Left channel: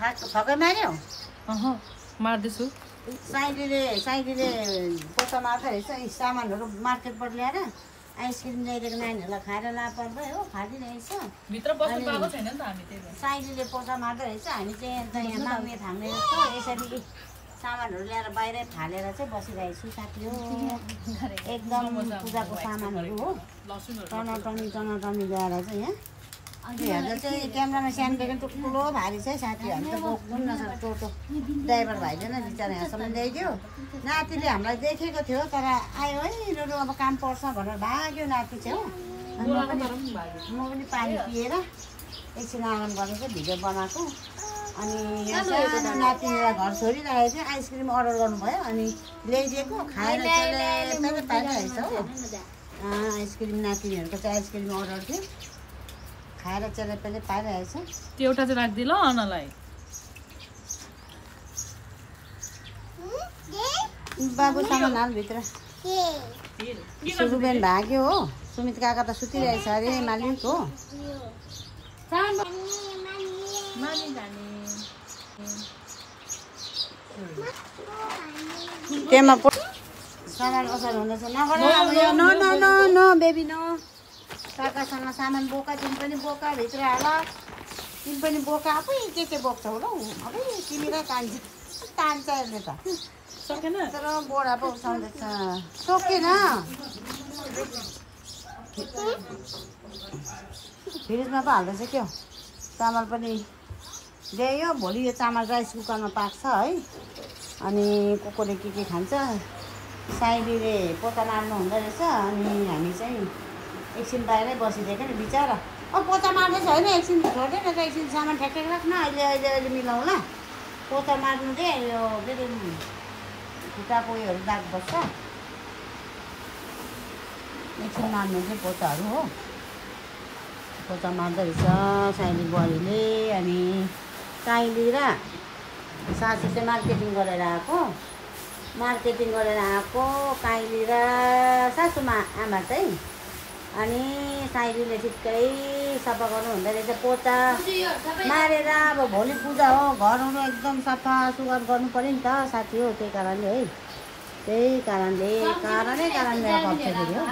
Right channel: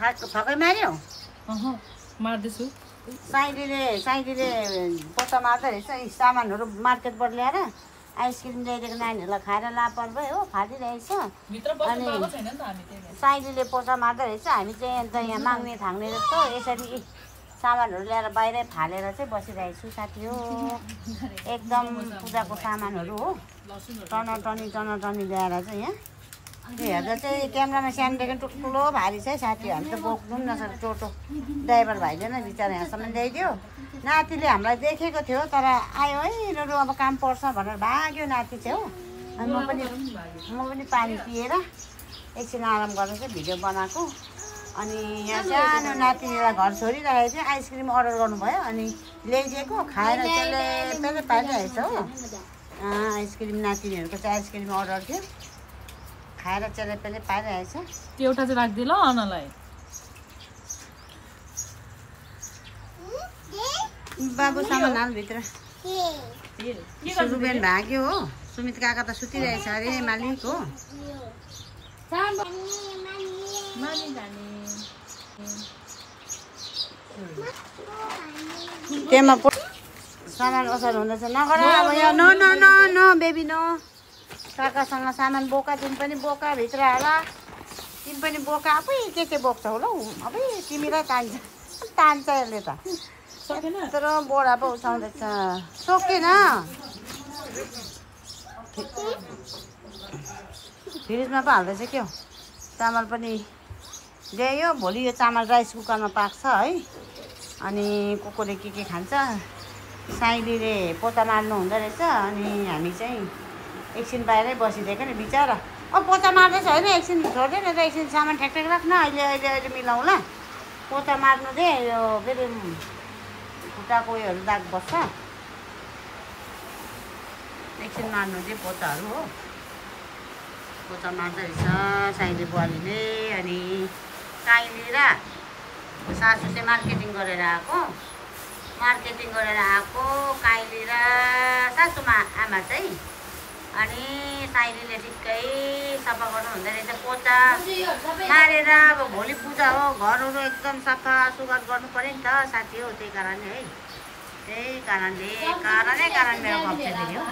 हजुर थकै मार्यो मार्दैछु। साइडीले पोता मार्दै रहेछ। सामानहरू मार्केटबाट ल्याएर आइसक्रिम ल्याइदिएको नानीहरूलाई खाएर लापर भयो हो, फालिरहेछ। साइडीले पोता मार्दै रहेछ। हामी चाहिँ अन्त यहाँ माग्ने थाङ्ने जस्तो यसरी सामानहरू ल्याएर बाहिरै फालेर चाहिँ बसिरहेको छु साथी हो। एकदम पूजाको सामानहरू हो, टनाटनी ल्याएर चाहिँ यहाँ हेर्दा चाहिँ क्यामेरामा सानोदेखि ठुल्ठुलो भारी छ है साथी। हामी त बोक्नु पनि नसक्छ। टोटो ड्राइभर भाइले नै बिचरा यहाँसम्म ल्याइदियो। नातिले हामीलाई देखेको थियो तर आयो है यिनीहरू अब काम पर्छ भनेर भाग्यो नाति चाहिँ हो। अनि म पनि पानी पिएर एकछिन आराम गरेर चाहिँ भिडियो बनाएको। अनि यहाँ सानो नातिनीलाई घर छोडिरहेको थियो। आइसक्रिम अर्डर गर्नुभयो अनि ल्याइदिएको खाएर त्यसले पाइरहेछ हो। आइसक्रिम नातिनीहरूको चाहिँ आइसक्रिम अर्डर थियो, खाएर चेले पेले पाइरहेछ। त्यो एउटा चाहिँ राखिदिए ल अनलाई। बाबु सामान हाल भित्र। सुरुबेन भाग्यो हो। सुमित काका त सुतिरहेछ अरे मालिक हो। केमा सामान असार हुँदैछ नगर अब यहाँ न न न न बेबी न। काकासँग सामान बोका, तिमी पनि बोका भित्र हाल। तिमी पनि बोका। आफै के बोक्छौ होला हौ। अब तिमीलाई तान्छ यसले त तर बोरा पो उठाउँदैछ। सकेन फ्रिजमा पो हाल्दैछ क्या। चामल पनि ल्यायो। भोलि यो चामल राइस कुकरमा पाक्छ है। अनि कोले के खान्छ। साइलीले पोता मार्नु हुँदो रहेछ। अनि हामी चाहिँ एकछिन बाहिरै बसिदिएको नि बिचरा। पोता मार्दैछ होइन, एकछिन छोड्दैन त, एकछिन सामान ठ्याक्ठ्याक राख्न। अहिले मिलाउँला। पोता मार्नु दे यो फेरि खुट्टाको उयोहरू दाग बस्छ। एकछिन मार्नु दे पोताहरू हो। पोता मार्दो रहेछ साइली बुहारीले। अनि काइली र सासू चाहिँ मार्केटिङ गरेर आएको। काइली र सासूमा आमा चाहिँ। अनि साइलीले ठिक्कै सफा गर्नु हुँदो रहेछ पोता मारेर। अब भोलि पूजा हो, घरहरू एकदम सफा सुग्घर गर्नु पऱ्यो नि त साथी हो। त्यही कारणले है, कारण मेरो गफ हो।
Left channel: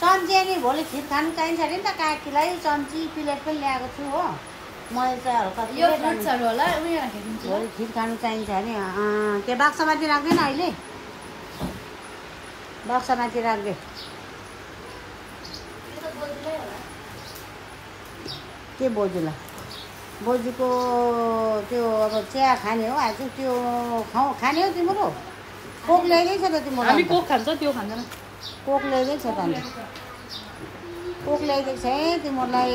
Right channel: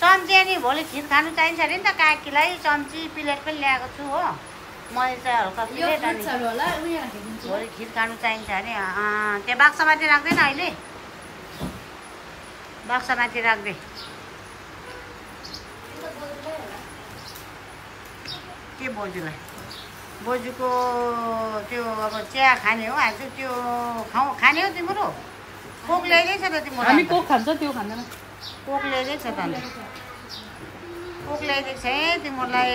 चम्ची नि भोलि खिर खानु चाहिन्छ अरे नि त काकीलाई। चम्ची प्लेट पनि ल्याएको छु हो। मैले चाहिँ हल्का प्लेट भोलि खिर खानु चाहिन्छ अरे। त्यो बाक्सामाथि राख्दैन अहिले, बाक्सामाथि राख्दे। के बोजूलाई? बोजूको त्यो अब चिया खाने हो आज। त्यो खाने हो तिम्रो? कोक ल्याइदिएछ त तिम्रो? कोक खान्छ त्यो खाँदैन। कोक ल्याइदिएछ त अन्त? कोक ल्याइदिएको छ है तिमीलाई।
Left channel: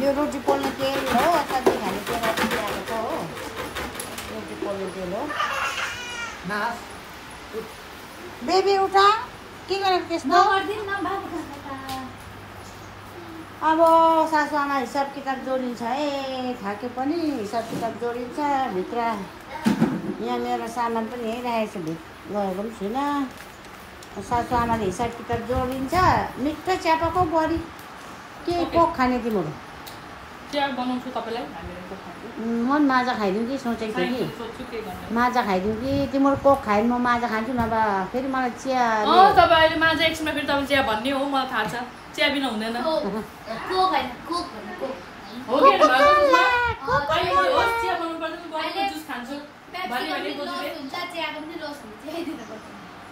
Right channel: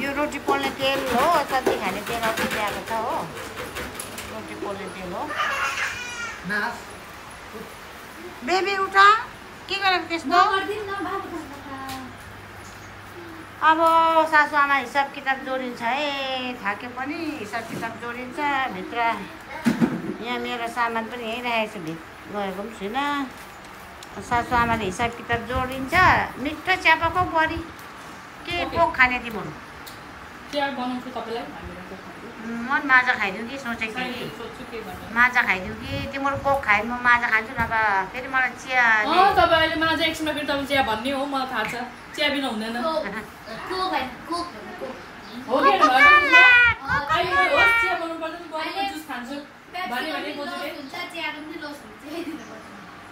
यो रोटी पोल्ने तेल हो, सब्जी खाने तेल ल्याएको छ हो। रोटी पोल्ने तेल हो। बेबी उठा, के गरेको त्यस्तो? अब सासू आमा हिसाब किताब जोडिन्छ है। थाके पनि हिसाब किताब जोडिन्छ भित्र। यहाँ मेरो सामान पनि यहीँ राखेको छु, गएको पनि छुइनँ। सासू आमाले हिसाब किताब जोडिन्छ। मिठो चिया पकाऊ बुहारी। के कोक खाने तिम्रो? चिया बनाउँछु तपाईँलाई। म माजा खाइदिउँ कि सोचेको थिएँ कि माजा खाइदिउँ कि तिम्रो कोक खायो म माजा खान्छु। नभए फेरि मलाई चिया। तपाईँ अहिले माजा एकछिनमा फेरि तपाईँ चिया भन्ने हो, मलाई थाहा छ। चिया बिना हुँदैन।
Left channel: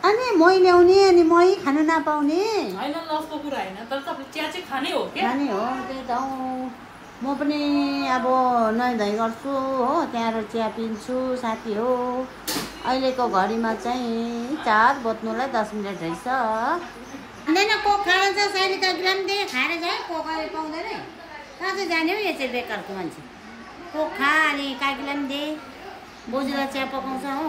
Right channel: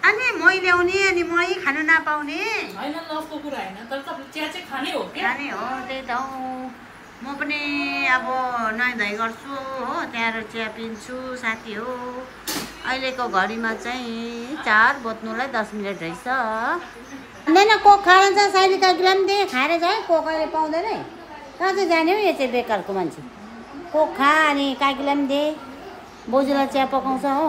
अनि मै ल्याउने अनि मै खानु नपाउने होइन, लसको कुरा होइन, तर तपाईँ चिया चाहिँ खाने हो क्या। खाने हो त्यही त हो। म पनि अब नुहाइ धुवाइ गर्छु हो, त्यहाँबाट चिया पिन्छु साथी हो। अहिलेको घडीमा चाहिँ 4 बज्नुलाई 10 मिनट रहेछ। हुँदैन कोक खान्छ साइली काकीलाई पनि दे, खाएर जाए। कोक अहिले पाउँदैन कहाँ चाहिँ जाने हो? यो चाहिँ बेकारको मान्छे। कोक खा अनि काकीलाई पनि दे। बोजूलाई चिया पकाउँछ हो।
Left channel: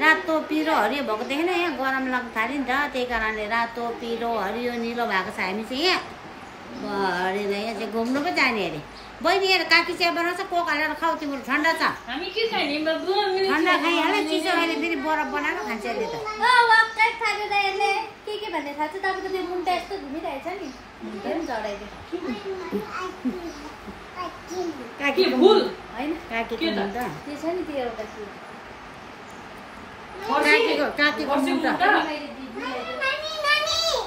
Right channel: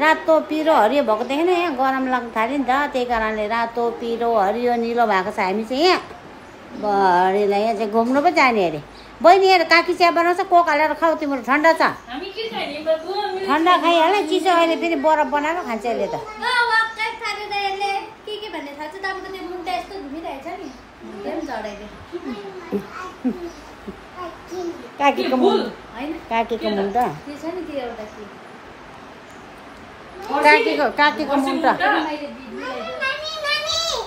रातो पिरो हरियो भएको देखेन यहाँ गरम लाग्नु थाल्यो नि त, त्यही कारणले रातो पिरो हरियो निलो भएको छ। हामी चाहिँ यहाँ भरेलाई यहाँ चाहिँ घुम्नु पो जाने अरे। बहिनी हेर काकी चिया बनाउँछ, कोक हालेर खाऊ। तिम्रो ठन्डा छ? ठन्डा खाइहाल। चिसो अहिले फेरि बरफ बनाएर खान्छ यसले त। काकीको फुल हैन काकीको मुन त त्यो छ नि त्यो एउटा के काकीको मुन त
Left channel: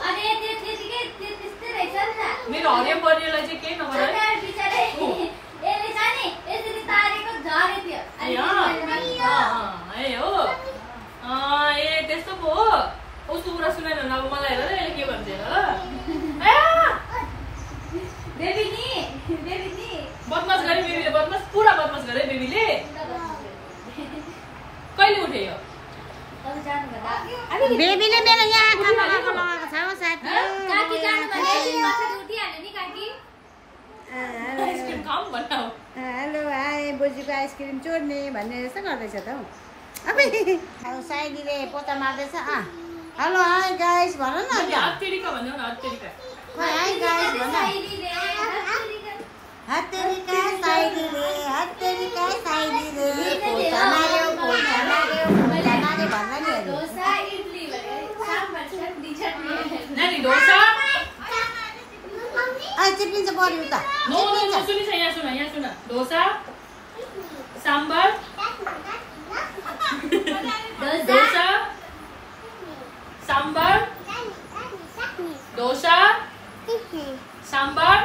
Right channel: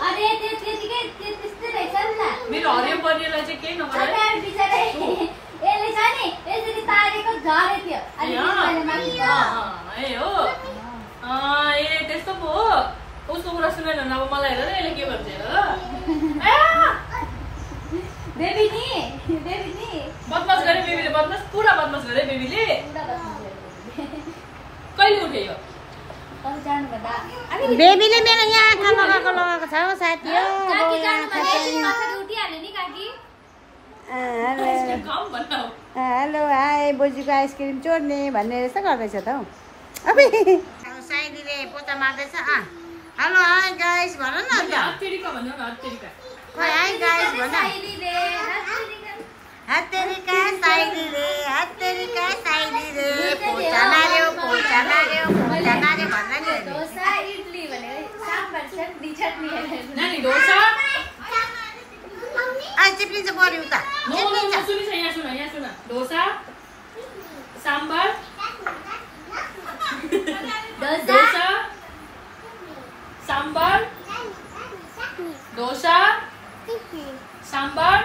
अरे त्यो त्यतिकै त्यस्तै रहेछ नि त मेरो हरियो पर्नेलाई चाहिँ केही नगर है यसले चाहिँ यसरी तारेको झरे थियो ए हो ए त्यस्तो पो हो उसको कुरा सुनेन अब मलाई हेर यसले के भन्छ बेबी नि बदमास गरे बेबीले बदमास पुरा बदमास गरे बेबीले कहिले उठे यो बेबीले मेरो यहाँ आँखा लगाएको छ हो साथी हेलो हाई बोजूको आइसक्रिम चोर्ने भन्ने रहेछ गर्दैछ त हौ अब साइलीले पोता मार्दैछ हेलो हाई गाइस भन न हत्तेरिका भन्नु न हत्तेरिका खोइ हाई गाइस भन हत्तेरिका साइलीले पोता मार्यो भन्दा नि नानी डोसा चिप्लिन्छ पऱ्यो उता यहाँ सुन डोसा सांबार डोसा सांबार डोसा सांबार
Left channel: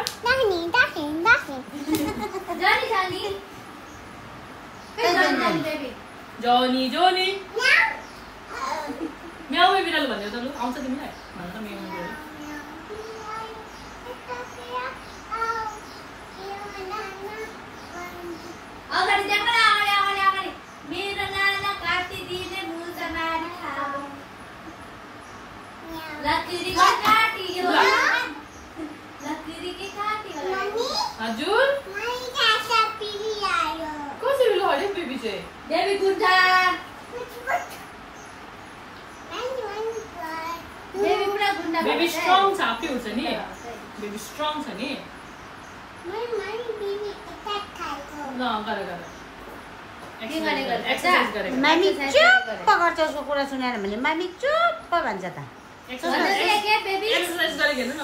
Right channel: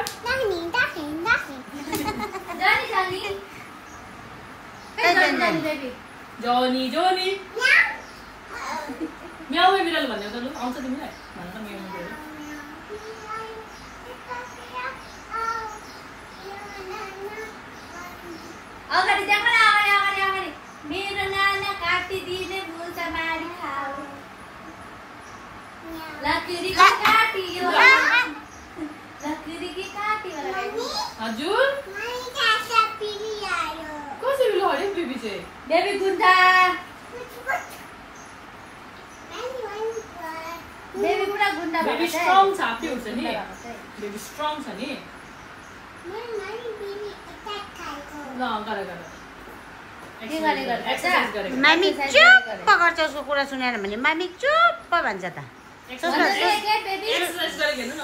जोनी म्याउ बिरालो भन्ने त आउँछ तिमीलाई भन त म्याउ मेरो नाना काटिदिने मुजा मारी खाऊ लकडी काटियो हजुर कसरी लो हरे बेबी चाहिँ बेबी गुन्डा बेबी स्ट्रङ छ आफै उठ्छ नि बेबी स्ट्रङ छ नि ल गर एक्सर्साइज गरेको मामी चुप्प गर्छ उसको कुरा सुनेन भने मामी चुप्प भन्छ त एक्सर्साइज गरेको हेर्नु न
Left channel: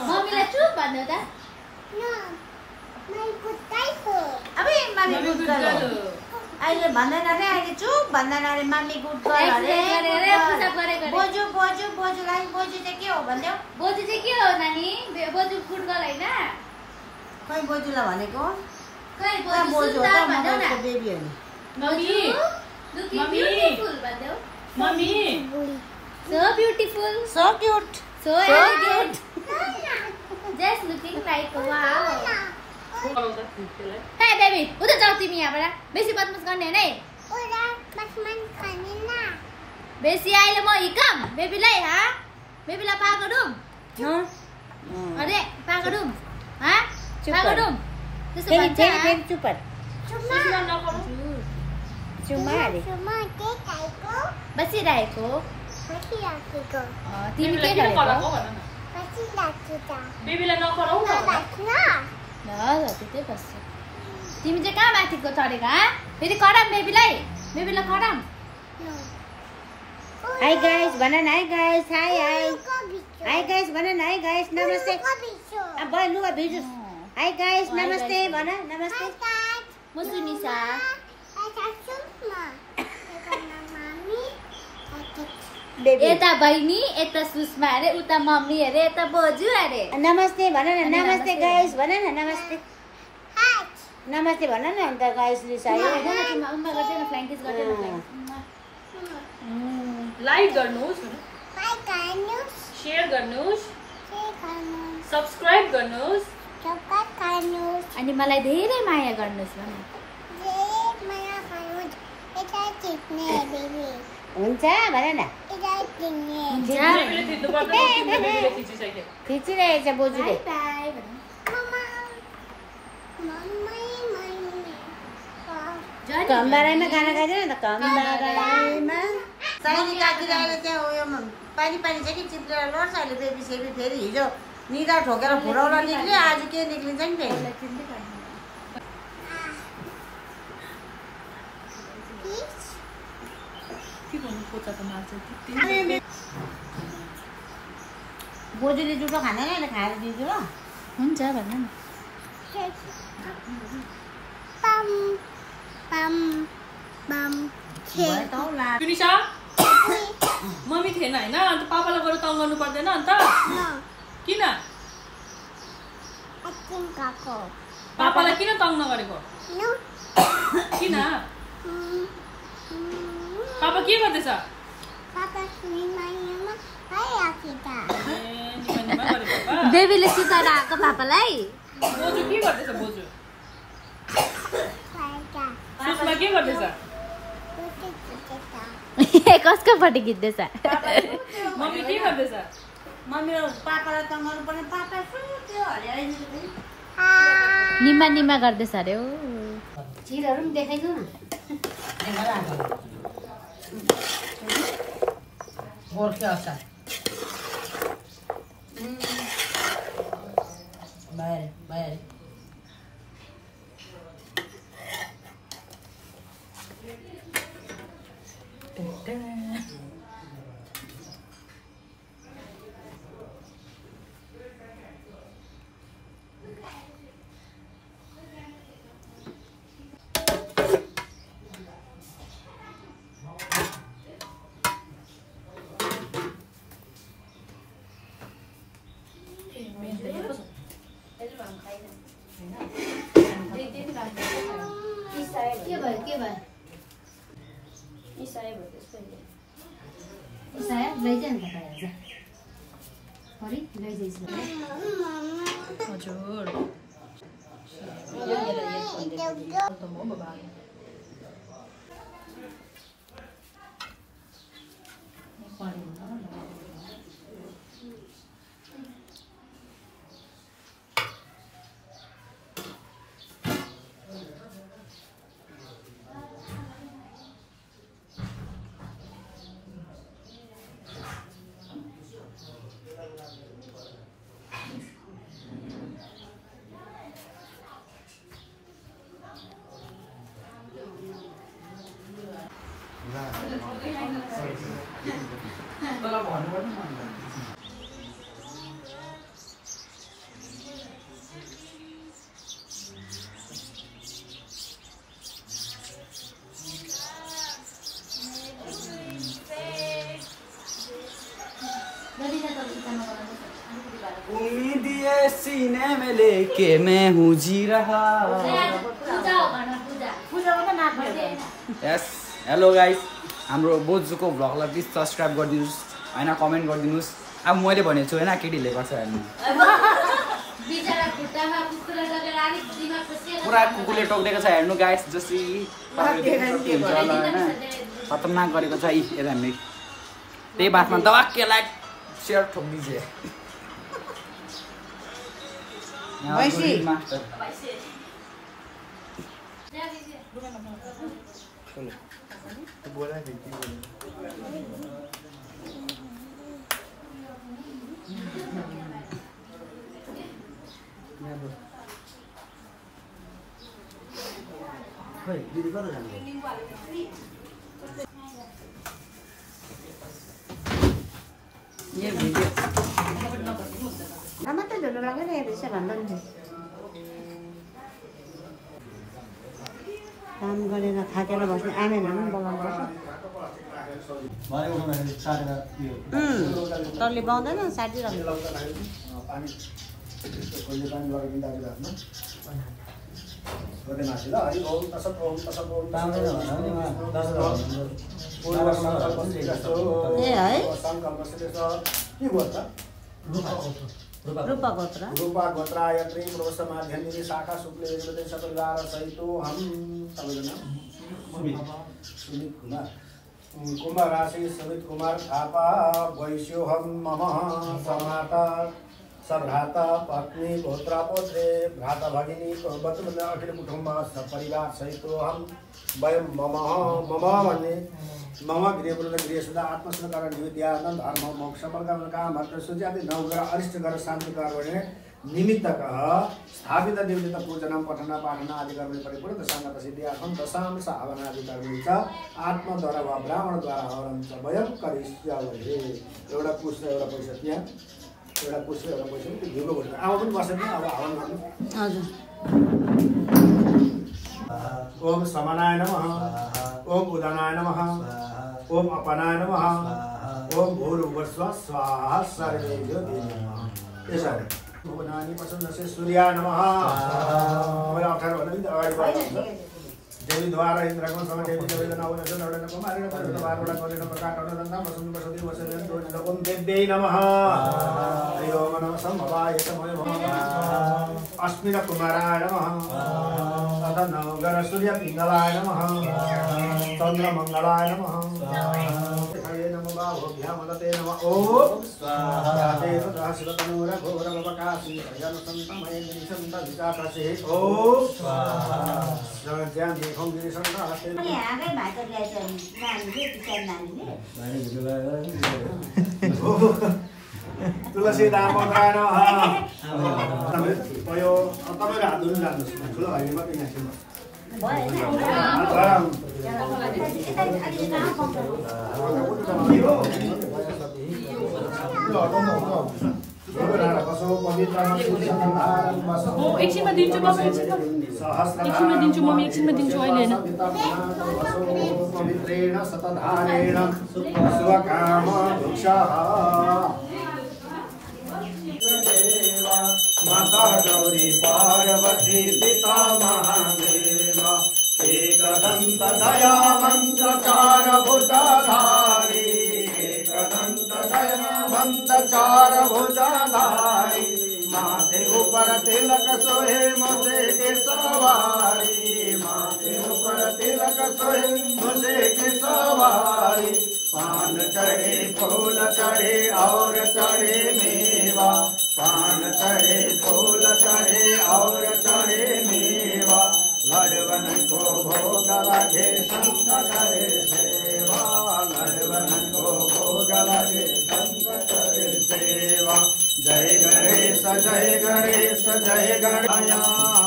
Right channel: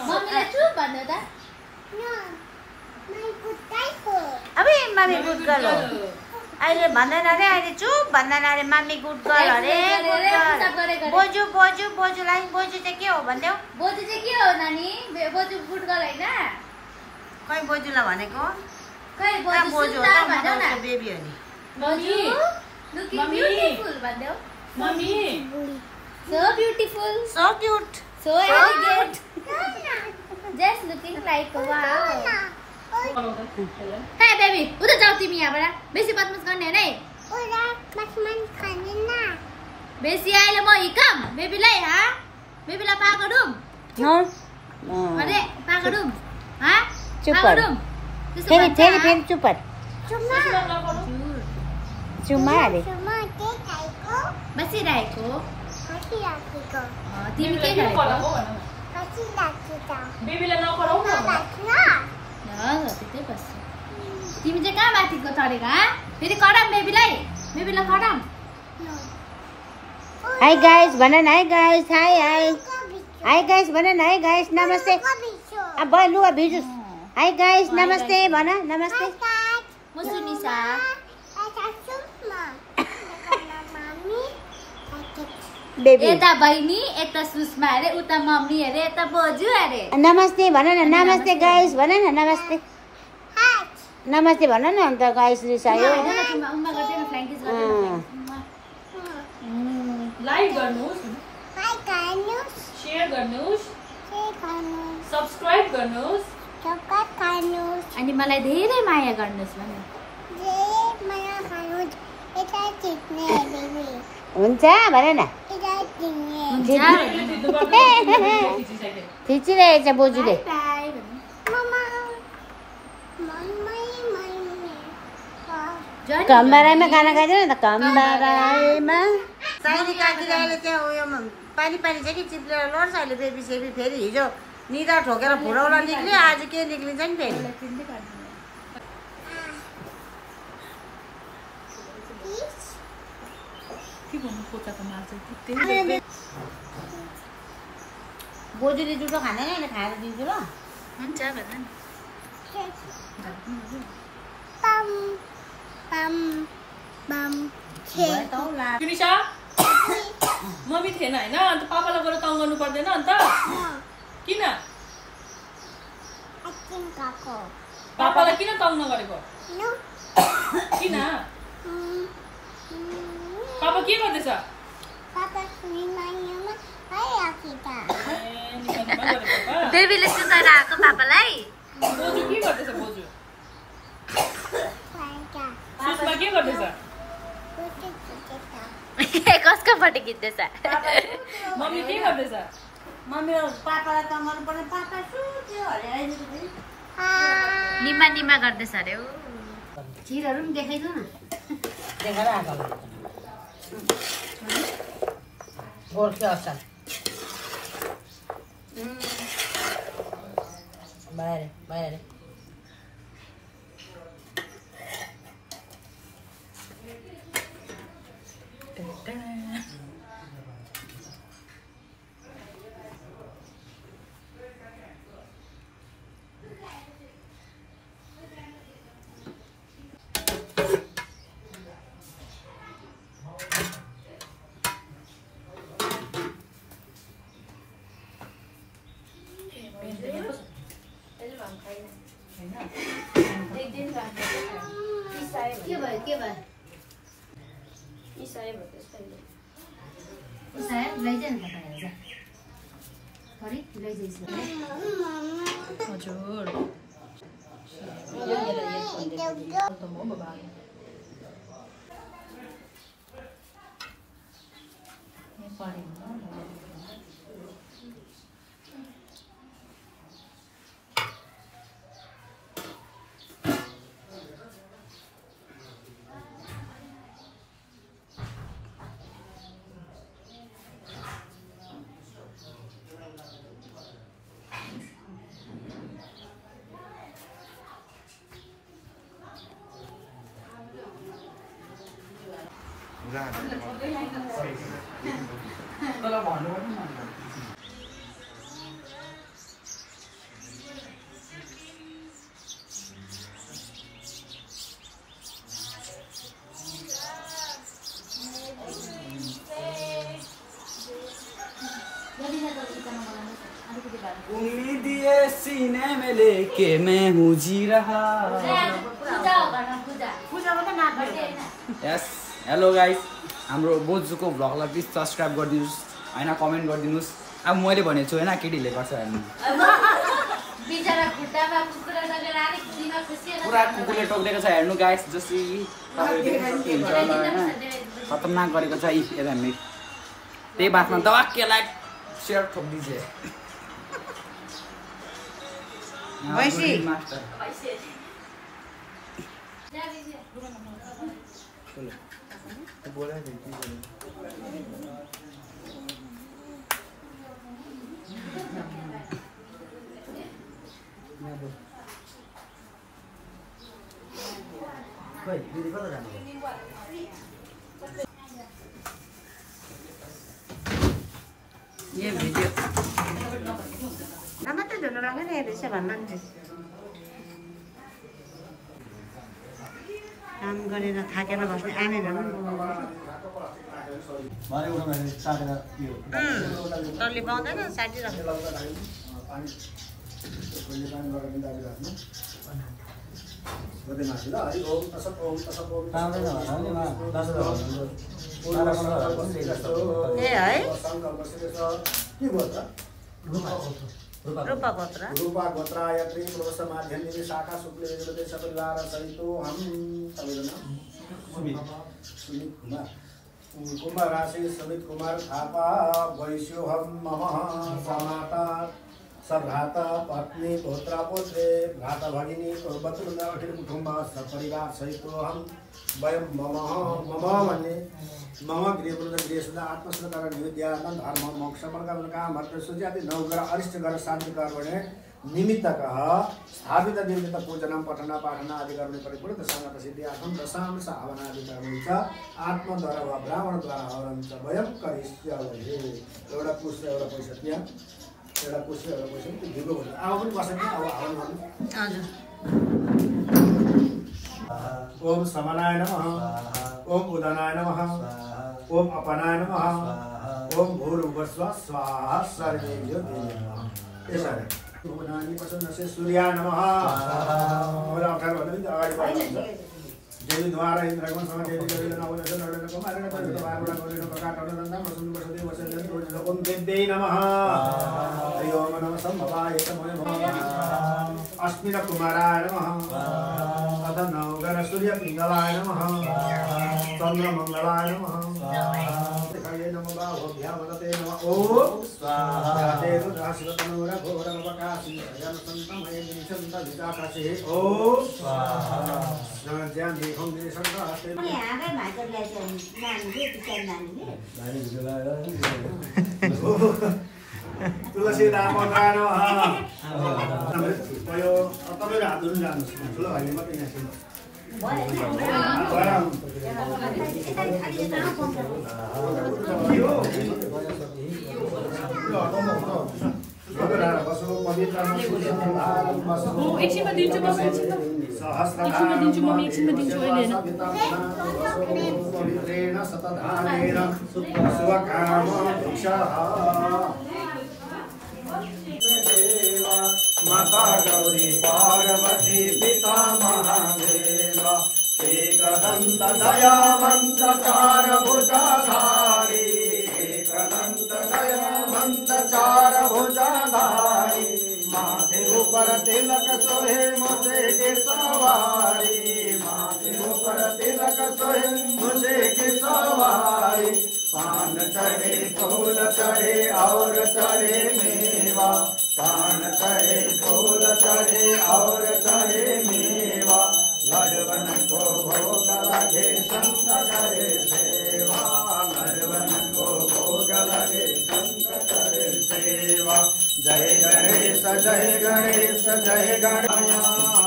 अब मामी गुड गर्ल हो अहिले भन्दैन अरे अहिले चुप भन्दैन अरे मामी गुड गर्ल अरे बोजू बोजूलाई बोजू चाहिँ के हो भन्देऊ बोजू चाहिँ के हो नानी बोजू गुड गर्ल हैन खै बोजूलाई भनेको खै बोजू हो त म त उसको बेबी हो नि mummy so beautiful so cute so elegant just looking like wow hey baby उता जाऊ तिमी यहाँबाट बेसी बदमास गर्ने हैन है उता बदमास गर्ने न बेसी आइले म हिकम बेबीलाई बेबीलाई पागडुम अरे पागडुम पागडुम त्यसो भन्छ फेरि चुप चुम्मा अरे बसिरहेको तिमी के बेबीलाई गरेको बेबीलाई नकराउ न त्यतै बस्छ तिमी चाहिँ कहाँ माथिको चढेको फेरि कराम बेबीलाई कराम हाई गाइस भन न हाई गाइस हाई गाइस भन न हाई गाइस नमस्ते अब लुवा भिजुस हाई गाइस नमस्ते भन नमस्ते म सुनिसा यता बहिनी यता सुषमा अरे उता मम्मी अरे यता बोजू अरे नमस्ते भन न नमस्ते गाइस भन न नमस्ते नमस्ते भन न अन्त गाइस रिसायो लाइक गर्नुहोस् शेयर गर्नुहोस् सब्स्क्राइब गर्नुहोस् अनि मलाई धेरै माया गर्नुहोस् भन्नु हुन्छ भन न खिचिरहेछ बोजूले कम्बारामा गाना गाइन्छ नि त कम्बारामा साइली काकीले अहिले त्यहाँ उयो पानी छ कि चिप्लेर लड्छ अहिले बेबी सेबी फेरि हिजो निदा ठोकेर फुरौला निक्ल्यो आज के निक्लिन्छ नि फेरि बोजूले जुठो खाँदैन अहिले खाएर दिन्छु ल हुन्छ भन न विनिशा मम्मी थिएन होइन अन्त पापालाई गएर तङ गर्नु पर्दैन अन्त किन पापालाई किन तङ नगरेको किन पापा के गर्दैछ बेबीले सुताएर आएको पापालाई बोजू के गर्दैछ बोजू सुषमा के गर्दैछ कसको पट्टि खिच्दैछ मम्मी के गर्दैछ मम्मी पापालाई तङ्गाउनु पर्ने पापा सुत्यो हरेर निमा निमा गर्दैछ अरे हो चिरहरू पनि देखाइदिउ न गोर्खे असार बाहिर के भयो लैजा नि हजुर उम्मीदिए सीने में लेके मैं हूँ जी रहा। यस हेलो गाइस, हाम्रो बोजूको भ्लगलाई प्लिज सब्सक्राइब गरिदिनुहोस् हैन, कमेन्ट गरिदिनुहोस्। अब मैले भनेको छु हैन, केटीले गर्छ हेर्नु। पुरा कुकुरले टोक्देको छ हेर्नु गाइस, जसरी तपाईहरुले देख्न सक्नुहुन्छ होला हैन, खतरनाक गरेको छ। हेर हामी त्यही बातमा दवाक्केलाई शेयर ठोक दीजिए। वैसे बोला भाइ दिदी कता जानु भयो? यो भिडियो मात्रै झुलो लागेर हेर्दैछ भन्नु नि। काम गरेर थाकेर बस्ने आमेनहरू पनि बोलाउनु तर्ले पाउँदैन साथी रूपा गोत्राय त्रिपुरुष माध्यमिनी शाखा शुक्ल यजुर्वेद सपरिवार सहितो हम सबजना सुमित कुमार कुंभ राशि सुमित कुमार थापा वैश्यो हम मम समाता सभ्राता पत्नी पुत्र पुत्रे भ्राता भगिनी बतुल अखिल कुटुंब सपरिवार सहितो हम वयम मम भन्ने मम गृहवृद्ध गृहसदा आत्मसंस्कार निवेद्यानंद धर्म मोक्ष वर्गम काम भक्त सुजाति नवग्रह अरिष्ट ग्रह शांति कर्मणे निमित्तकः स्थापित देवता पूजनम पठन पाठन आदि कर्मणे परिपूर्ण दशांग सिद्ध्यार्थम दशाम सावना आदि कर्मणे च आत्मा द्वारा वा ब्राह्मण द्वारा हवनं च वयम करिष्यामहे। एउटा पुष्ट एउटा पैसा त्यहाँ एउटा पुस्यो एउटा पुस्यो त्यो ढिलो हुन्छ आमा पनि बस्दैन अब हवन गर्नु हजुर ओम समनाय नमः ओम उदनाय नमः ओम अपनाय नमः ओम भूर्भुवस्वः स्वाहा सर्वेभ्यो नमः यसरी भुवनानि पसन्दसे सूर्याय नमः मलाई अक्षर भन्दा पनि अगाडि बढ्नुहुन्छ देवी द्वारा इन्द्रको सम देवी देवी नवनस नवनस कुमारेण तरुण बारवडा गरेण प्रकार तरुणन्दा वसुन्ध वसुति वसुन्ध रोज ओम देव्यै नमः हरि ओम नमः सम्भवाय नमः अस्मिन कुमाराय नमः अथ नवगण सूर्य पिङ्गलाय नमः चन्द्र मङ्गलाय नमः हरे नमः बाहुभ्याम दते नमः ओम स्वाहा देव दासवतनुर घोरमपकासि जनसन्तमये निसन्त विकाससे ओम स्वाहा ज्ञान देखौं दिसन्त हस्ते अनि आगै भाइको ल्याएछ नानीले टिका नानीले तुलसी दामोदराय नमः यो तपाईले हात धुनु जान्नुस् ठुलो भाइले मात्रै नाच्नु एकछिनमा दिन्छु म एकछिनमा दिन्छु अहिले माता गौरी पार्वती पिता महादेव एकदन्त दयावन्त चार भुजाधारी एकदन्त दयावन्त चार भुजाधारी माथे ऊपर तिलक सोहे मुझे के सवारी माथे ऊपर तिलक सोहे मुझे के सवारी पान चढ़े फूल चढ़े और चढ़े मेवा पान चढ़े फूल चढ़े और चढ़े मेवा लड़वन को भोग लगे संत करे सेवा लड़वन को भोग लगे संत करे सेवा जय गणेश जय गणेश जय गणया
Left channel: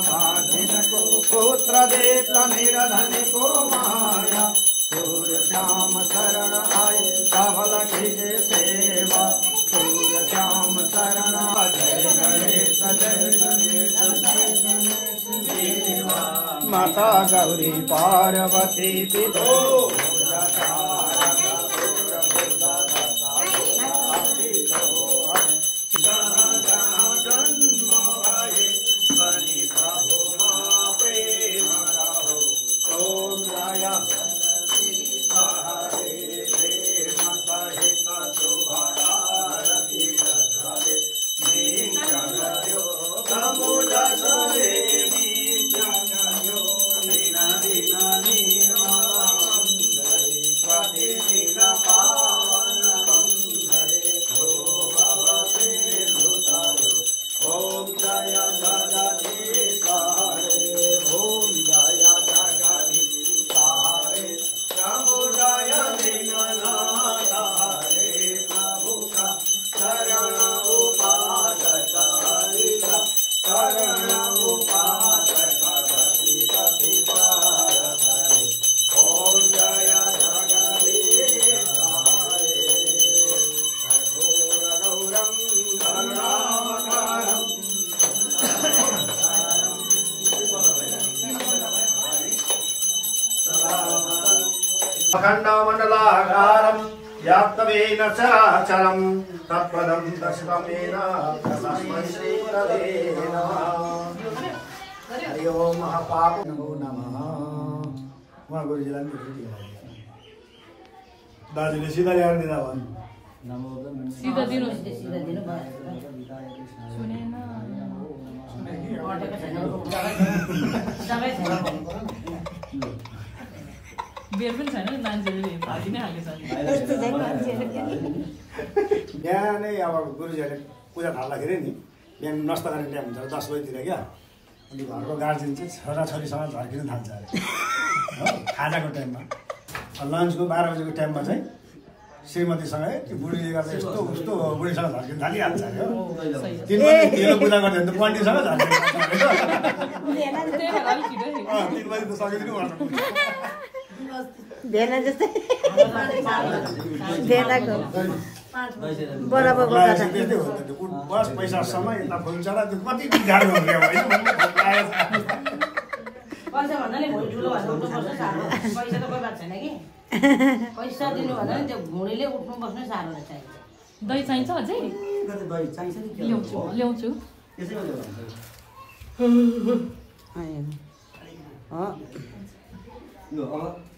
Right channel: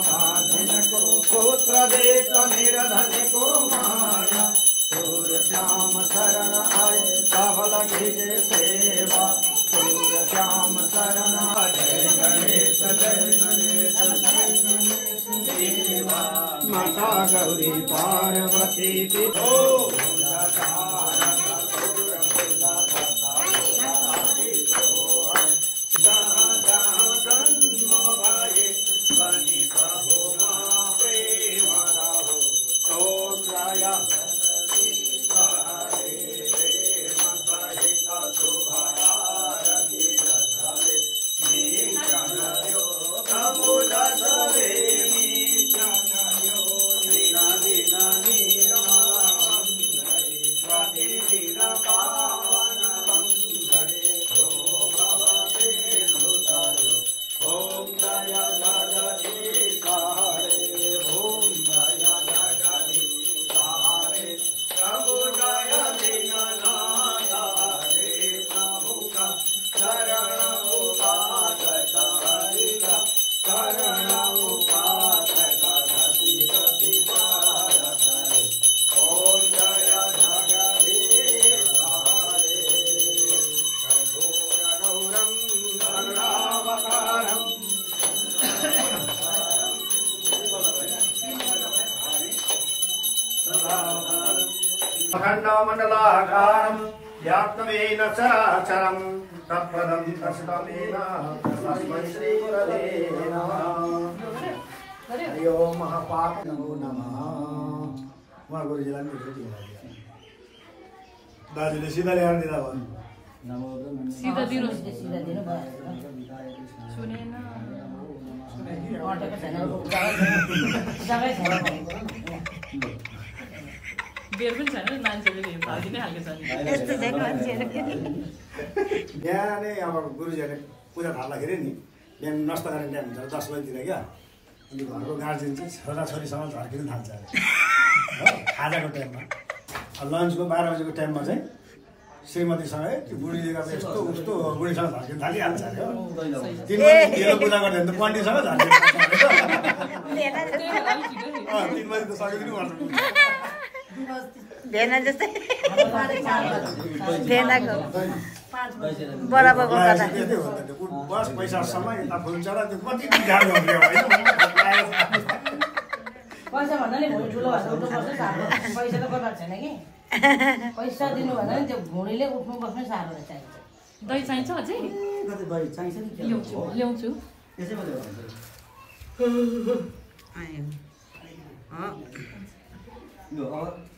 बाधिन को पुत्र देता निरधन को माया सूर्य श्याम शरण आए धवल कीजे सेवा सूर्य श्याम शरण जय गणेश जय गणेश देवा माता गौरी पार्वती पितो अखण्डमण्डलाकारं व्याप्तवेन चराचरं तत्पदं दर्शितमेन तस्मै श्रीगुरवे नमः हरि ओम महापाप नमो नमः उहाँ गुरुजीलाई पनि भेटी गराइदियो दाजुले सिधा ल्याएर दिँदा भन्नु सिधा दिनु बेर पनि छैन मान्छेले भाजी नै हालेछ बिहानै अब गुरुजीहरूले पूजा थाल्दाखेरि नि बिहान नष्ट गर्ने टाइम हुन्छ 10 बजीतिर क्या अनि घरको गार्जियन चाहिँ छोराछोरीसँग झर्किन थाल्छ अरे हो खाजाको टाइममा लन्चको 12 बजेको टाइममा चाहिँ श्रीमतीसँग त्यो बुढीले गर्दा यस्तो उस्तो बुढीसँग झर्किन थालिहाल्छ अरे हो 3 बजी ढिलो पूजा गर्यो भने त पण्डितसँग झर्किन थाल्छ अरे 3 बजी त सकिदिनु पर्छ धेर जस्तै लाग्यो त्यस्तै हो त बस पैसासम्म यता फुल्छ र त्यो कति गाह्रो हुने होइन पैसा भन्दा नि भोलि ठुलो भएर उठ्नुपर्छ साह्रो पैसा त बगाएको छैन कि पैसा दिनु भन्दा नि त्यो भुँडीले उठ्नु बस्नु साह्रो रहेछ दही चाहिन्छ अझै दही चाहिन्छ नि ल्याउँछु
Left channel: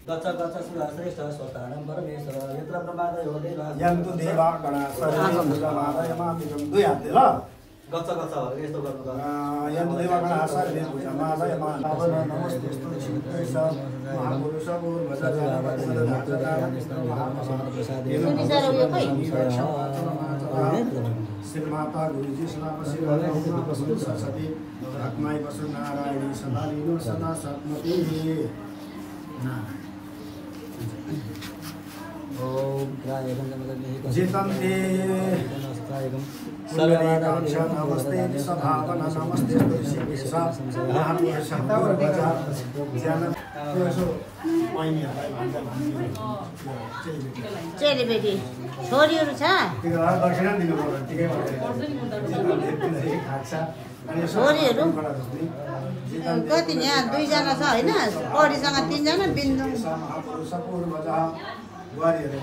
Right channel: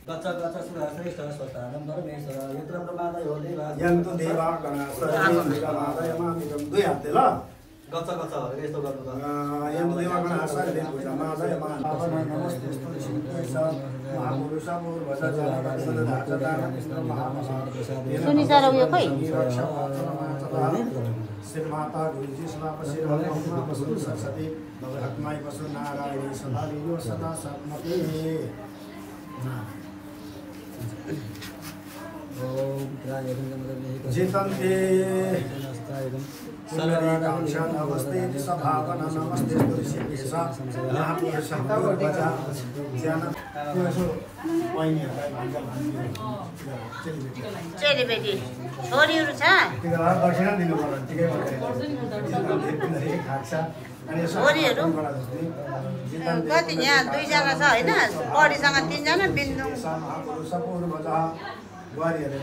गच्छ सुरा श्रेष्ठ स्वतानं परमेश्वर यत्र प्रमादय हो देवा यन्तु देवा गणासयमामिकं दुई हातले ल गच्छ भनेर यस्तो गर्नु त यन्तु देवा गणासयमामिकं नमस्ते सुनिजार उयो खोइ श्रीमाता गुरुजी समापसी सरस्वती आत्माय वसु नारायणी सदालिनो सदा सत्मति ओम त्रायकं जितन्ते सर्ववादांशं नमस्ते सभावना नमस्ते तुलसीकेशा महापुरुषं भजा ज्ञान चेलीबेटी छोरीहरू छ दक्षिणा दिनु पर्यो ठिकै छोरीहरू कति यहाँ दुईजना छ होइन छोरीसँग तीनजना बिन्दु महापुरुष पूर्वजा बुहारीहरू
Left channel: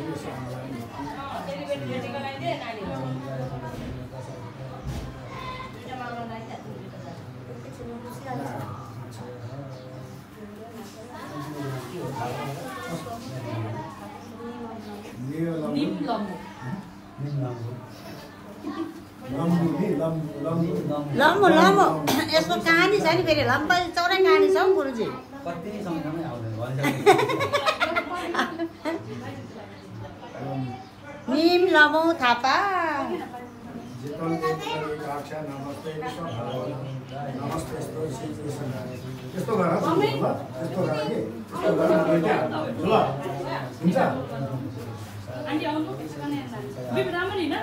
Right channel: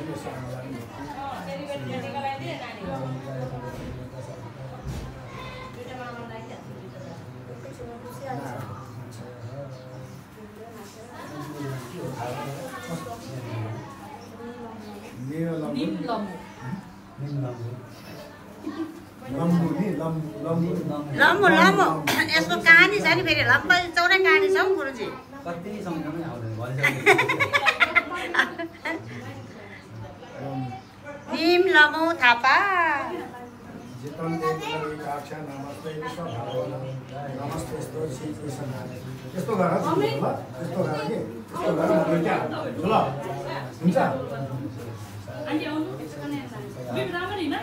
लामो यसको कहानी छ नि फेरि लम्बा चौडा कहानी छ गुरुजी कति समयसम्म आउँदैन निम लमो थापा यस्तो गर यस्तो गर कि ल हुन्छ आन्टी आउनु बिब राम्ररी न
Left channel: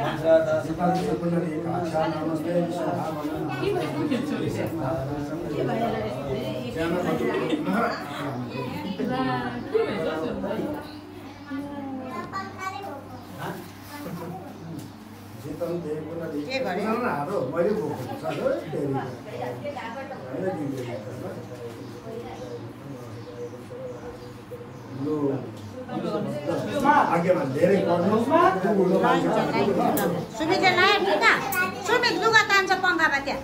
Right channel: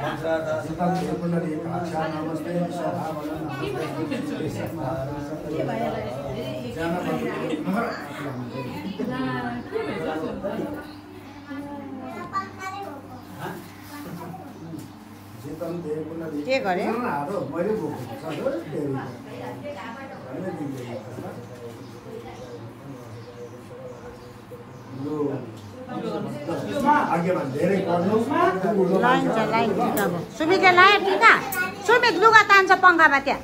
के गरे मैले बोकेको छ धेरै पढ्नु सुमितले लायो टिका सुमित लुगा तान्छ पङ्खामा त्यहाँ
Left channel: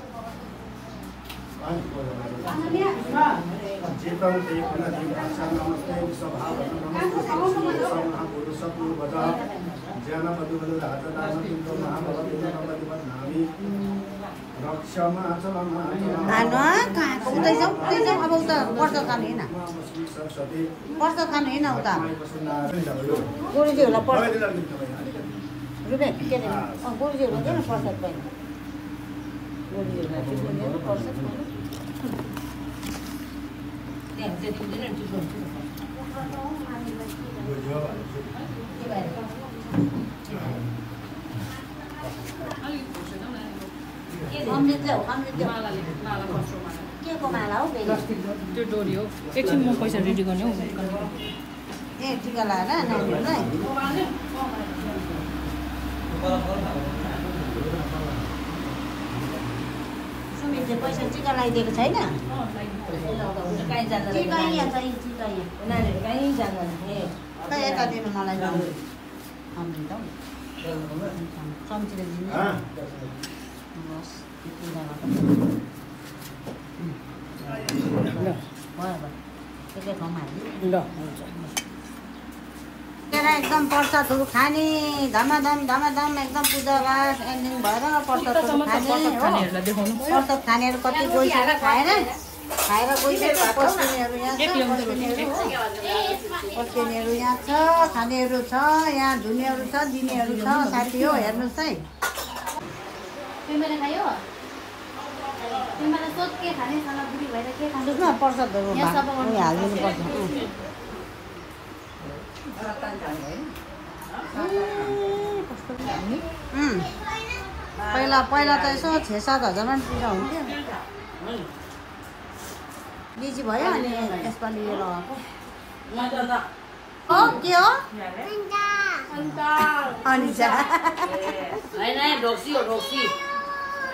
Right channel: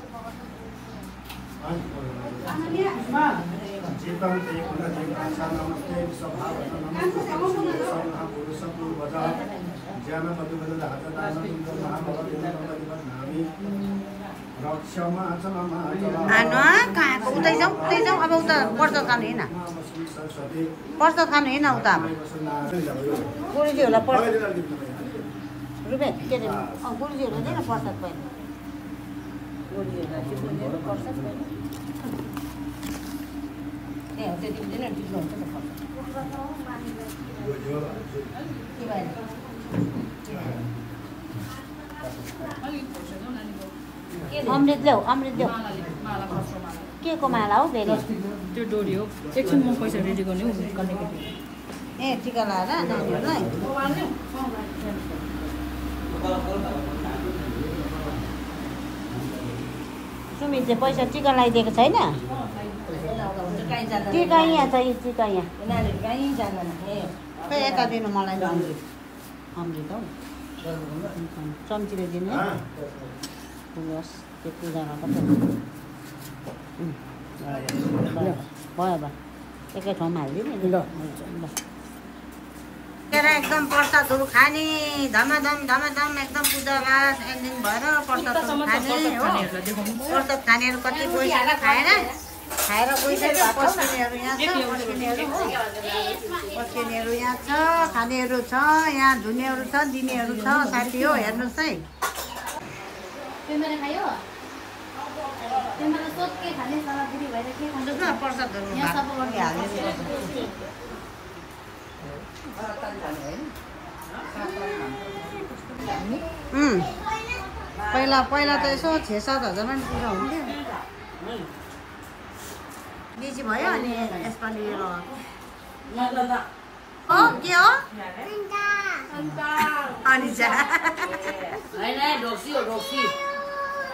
कहाँको उतै जाउँ अब उता प्रसाद खानु हिँड प्रसाद खानु हिँड उता गुरुजीहरूलाई प्रसाद रुपियाँ के अरे गुरुजीहरू हुँदैन प्रसाद पहिला गुरुजीहरूलाई प्रसाद पहिला अमृत ल्याऊ के को माला हो त्यो डोरी हो एकछिन म पैसा रेडी गर्ने हौ ए टिका लाएर नानीहरूलाई सुमित चाहिँ पैसा टिका लगाइदिएको छैन टिका यहाँ छ टिका यहाँ खै यता दिनु मलाई अमृत हौ चम्चीले दिनु बस त्यो पूजामा पनि भयो एकै ठाउँमा हालिदिनु एकदम प्रसादहरू खाने धमाधम एकदम पूजा लास एन्डिङ भएर प्रसादहरू खाने हो प्रसाद खानेहरू कति गइसक्यो खाएर गइसक्यो पस्किनेहरू यहाँ छ पस्किनेहरू यहाँ छ खानेहरू छ यहाँ धुनेहरू छ दिनेहरू छ साथी हो हेर्नुहोस् है प्रसादहरू पहिला त यसो 6-7 हजारमा पनि पूजा हुन्थ्यो बिजी भयो अनि यसपालि यो लगाएको हो के हो अनिसा होइन ढोक्सी हो ढोक्सी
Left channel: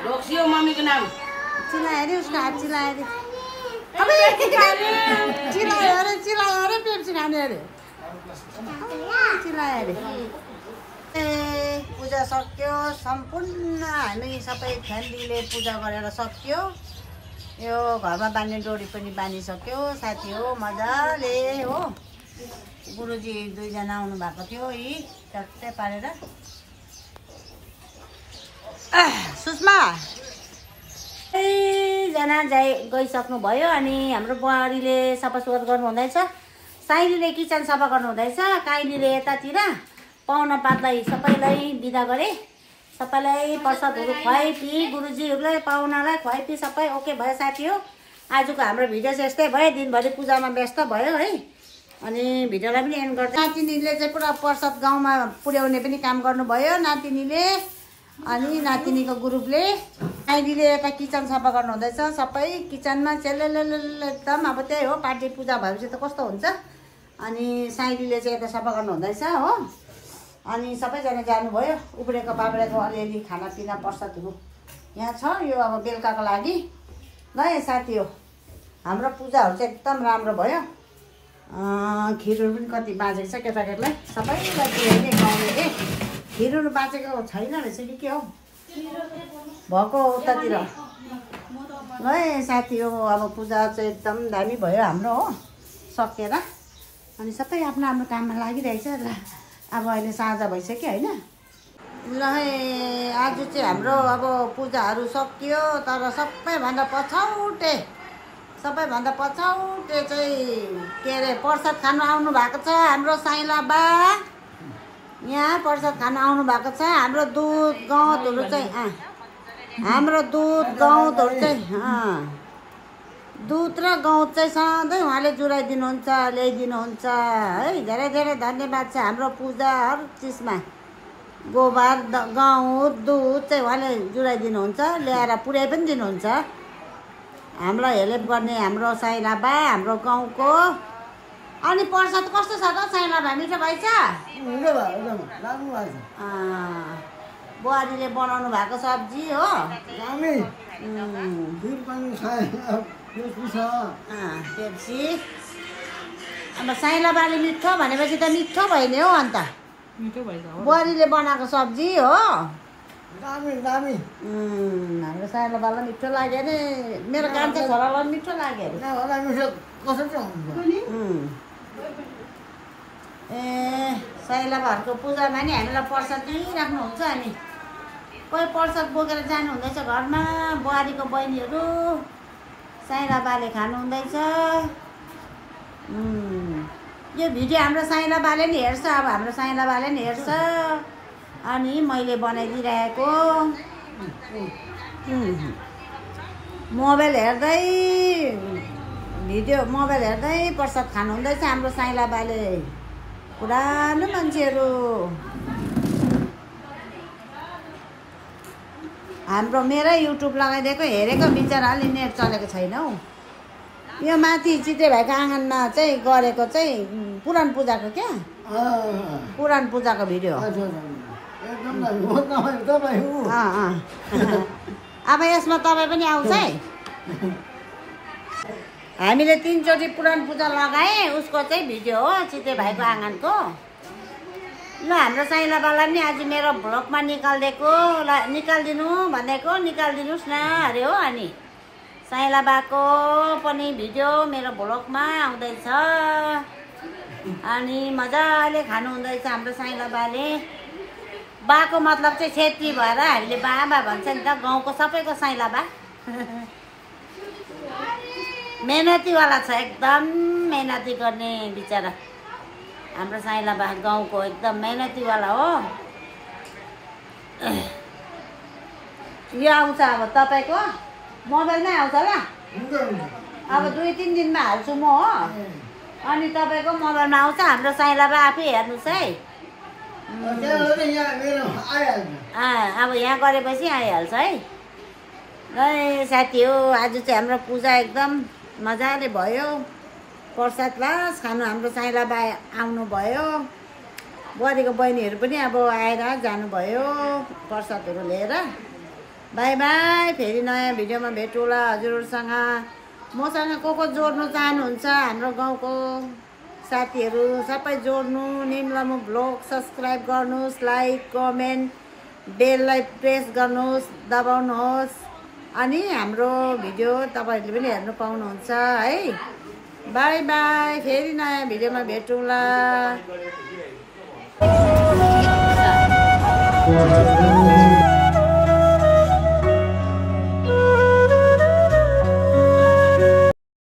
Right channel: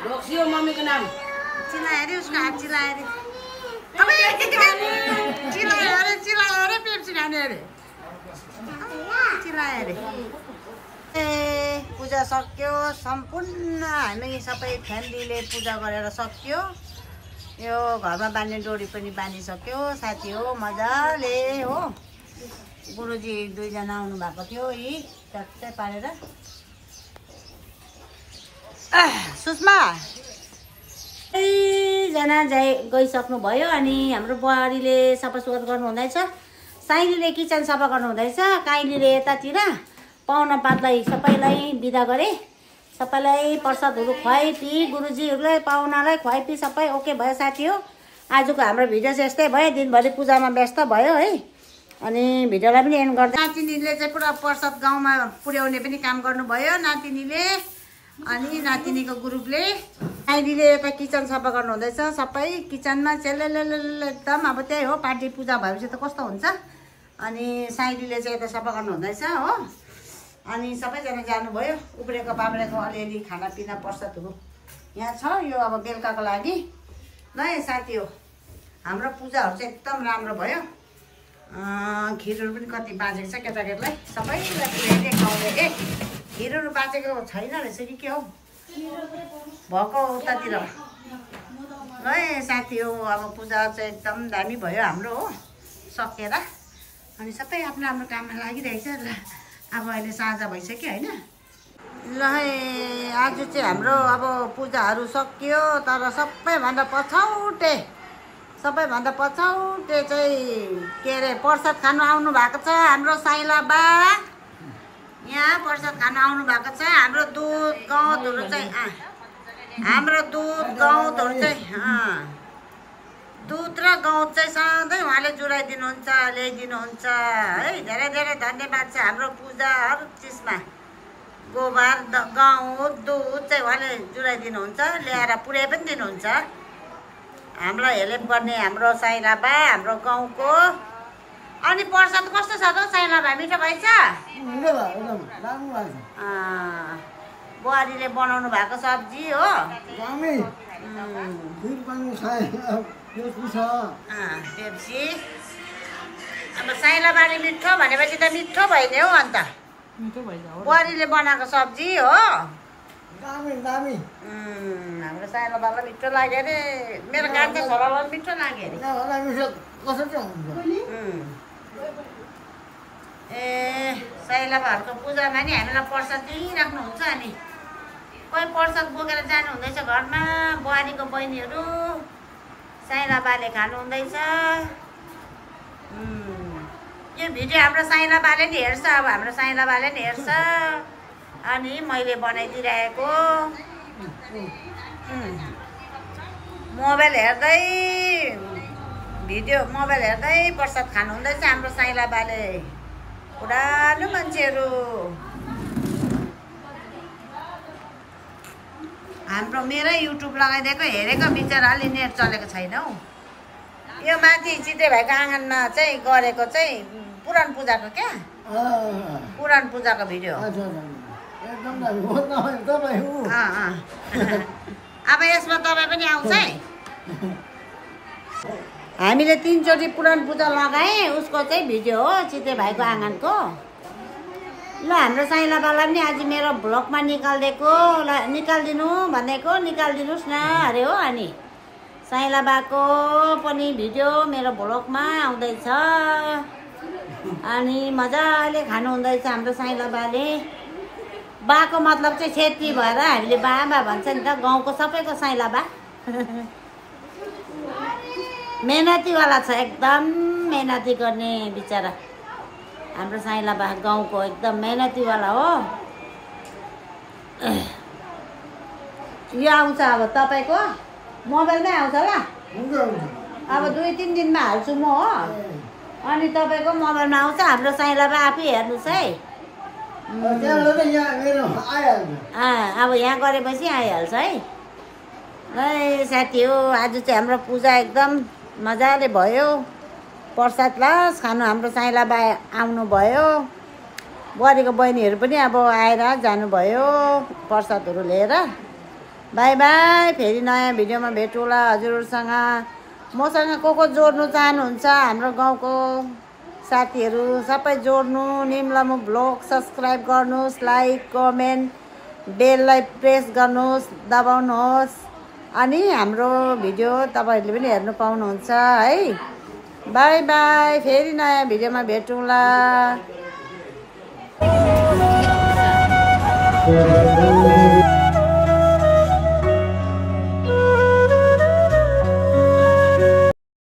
ढोक्सी हो मम्मीको नाम चिलायो अरे उसको हात चिलायो अरे अबे चिलायो अरे पेप्सी खाने अरे चिलायो अरे ए पूजा सक्यो सम्पूर्ण हामी सबै फ्यामिलीले पूजा गरेर सक्यो यो घरमा बाँध्ने डोरी पनि बाँधिसक्यो साथी हो मजाले हो गुरुजी 2 जना आउनु भएको थियो यी चट्टै पारेर सुषमा जना गइसक्नु भयो अनि हाम्रो बुहारीले सफासुग्घर गर्नु हुँदैछ साइलीले किचन सफा गर्नु हुँदैछ काइलीले यतातिर पाहुना पातलाई सबैलाई बिदा गरे सबैलाई प्रसादहरू खुवाइपी गुरुजीहरूलाई पाहुनालाई खुवाइपी सबै ओके भयो साथी हो आजको हाम्रो भिडियो चाहिँ यस्तै भयो दिनभरि पूजामा व्यस्त भयो है अनि भिडियोलाई पनि एन्ड गर्छ नातिनीले चाहिँ पुरा प्रसाद गाउँमा पुर्याउने पनि काम गर्नुभयो नातिनीले अनि नातिनीको ग्रुपले आइडीले यता किचन सफा गर्नु हुँदैछ सबै किचनमा चेलेले एकदम अब त्यही हो पार्टी पूजा भएपछि त कस्तो हुन्छ अनि साइडीले चाहिँ यता सफा गर्नु हुँदैछ हो अनि सबैजना जानुभयो उब्रेको बाब्रेको अलिअलि खानापिना प्रसादहरू यहाँ छ यो अब बेलुकाको लागि ल साथी हो हाम्रो पूजाहरू चाहिँ एकदम राम्रो भयो खिरहरू पनि कति बाँचेको छ केटाकेटीलाई सबैलाई पुर्याउने खुवाउने के खिरहरू बाँचेको छैन रहेछ कि के हो भएको उतातिर है साथी हो अब पूजा चाहिँ एकदम दामी भयो हाम्रो हो सकेर अनि सबै आफ्नो आफ्नो काममा लागिरहेछ ल अब अहिले साँझ भइसक्यो होइन ल आज चाहिँ हाम्रो अब पूजाहरू सकियो तर सबैभन्दा पछौटे चाहिँ के अरे प्रसाद खानु आउनु भएको छ हाम्रो साइला बा यहाँ प्रसाद खानु आउनु भएको छ हाम्रो दुध गहुँतहरू चाहिँ दुध र गहुँत चाहिँ सधैँ उहाँले जुराइदिनुहुन्छ ल्याइदिनुहुन्छ है धेरै धेरै धन्यवाद छ हाम्रो पूजा हर चिजमा गोबर गहुँत दुध चाहिँ उहाँले जुराइदिनुहुन्छ ल्याएर पुर्याइ पनि दिनुहुन्छ हामीलाई हेल्प गर्ने हाम्रो साइला बा हाम्रो गाउँको अनि प्रसाद कस्तो छ त साइला बा मिठो भएछ बुहारीले बनाउनु भएको सब्जी हो पेप्सी अब साइला बाले मिठो भनेपछि त मिठो भइदियो हो अन्त बुहारीले बनाएको सब्जी हो हाम्रो साइला बाला मिठो लाग्यो अरे मेरो कान्छे छोरालाई मिठो लाग्यो अरे ए साइला घरको पूजामा नि हामीलाई प्रसाद दिइराख्नुहुन्छ अनि कोही प्रसाद बोकेर जानु हुँदैछ घरमा बुहारीको बहिनीहरू साइला बाले खानु हुँदैछ यो भिडियो हाम्रो साइला बाले नि हेर्छ अब हाम्रो साइला बाले नि हेर्छ अनि मैले बनाइदिइरहेको मोबाइल हेर्दै प्रसाद खानु हुँदैछ हाम्रो साइला बाले पुरानो मान्छेहरू हाम्रो मेरै युट्युब लगाइदिएको हेरेको बिचरा अलि नेट चलेको छैन हौ यो माथि चित्रे भाइको आँगनमा चाहिँ गरेको चाहिँ पुराण पूजाको क्या पुराण पूजाको भिडियो अब यसमा तपाईँ पनि आउँछ है हामीले 3 चोटि पुराण पूजा लगाएँ उसको चाहिँ भिडियो हो चित्रे भाइको आँगनको ल हाम्रो साइला बाला पनि आज मेरो भ्लगमा निकालिदिनु भनेको निकालिदिनुहोस् न अरे हो अनि साइला बाको पनि भिडियो मेरो भ्लगमा आउँदैछ अनि मजाले खानु हुँदैछ हाम्रो साइला बाले बाको मतलब चाहिँ छेत्री भएर हामीले बा भन्छ नि त गाउँको सबैको साइला बा मेहनतीवाला छ एकदम मेहनती गर्ने बिचरा हाम्रो साइला बा गाउँको एकदम मेहनतीवाला हो यो आउँछ अब तपाईँको मोबाइलमै आउँछ ल अब 2-3 दिनमा हाल्छु म हो अनि तपाईँको मोबाइलमा आउँछ हाम्रो साइला बा आफै हेर्नुहोस् है अब यहाँ गरेपछि आइहाल्छ है ल साथी हो आज चाहिँ हाम्रो पूजा एकदम मजाले भयो प्रसाद लास खानु हाम्रो साइला बा आउनुभयो बुहारीको बहिनीहरू पनि अब आएर जानुभयो प्रसादहरू लिएर बाई बाई फेरि नयाँ भिडियोमा भेटौँला हजुरहरूसँग मसँग को जोड्नु चाहनुहुन्छ हाम्रो गाउँको साथीहरू सबै जोड्नु निम्लामु ब्लग सब्सक्राइब गर्नुहोस् लाइक कमेन्ट बेललाई प्रेस गर्नुहोस् दबाउनुहोस् अनि हाम्रो भिडियो तपाईहरूले पनि हेर्नु पाउनुहुन्छ है बाई बाई फेरि नयाँ भिडियोमा भेटौँला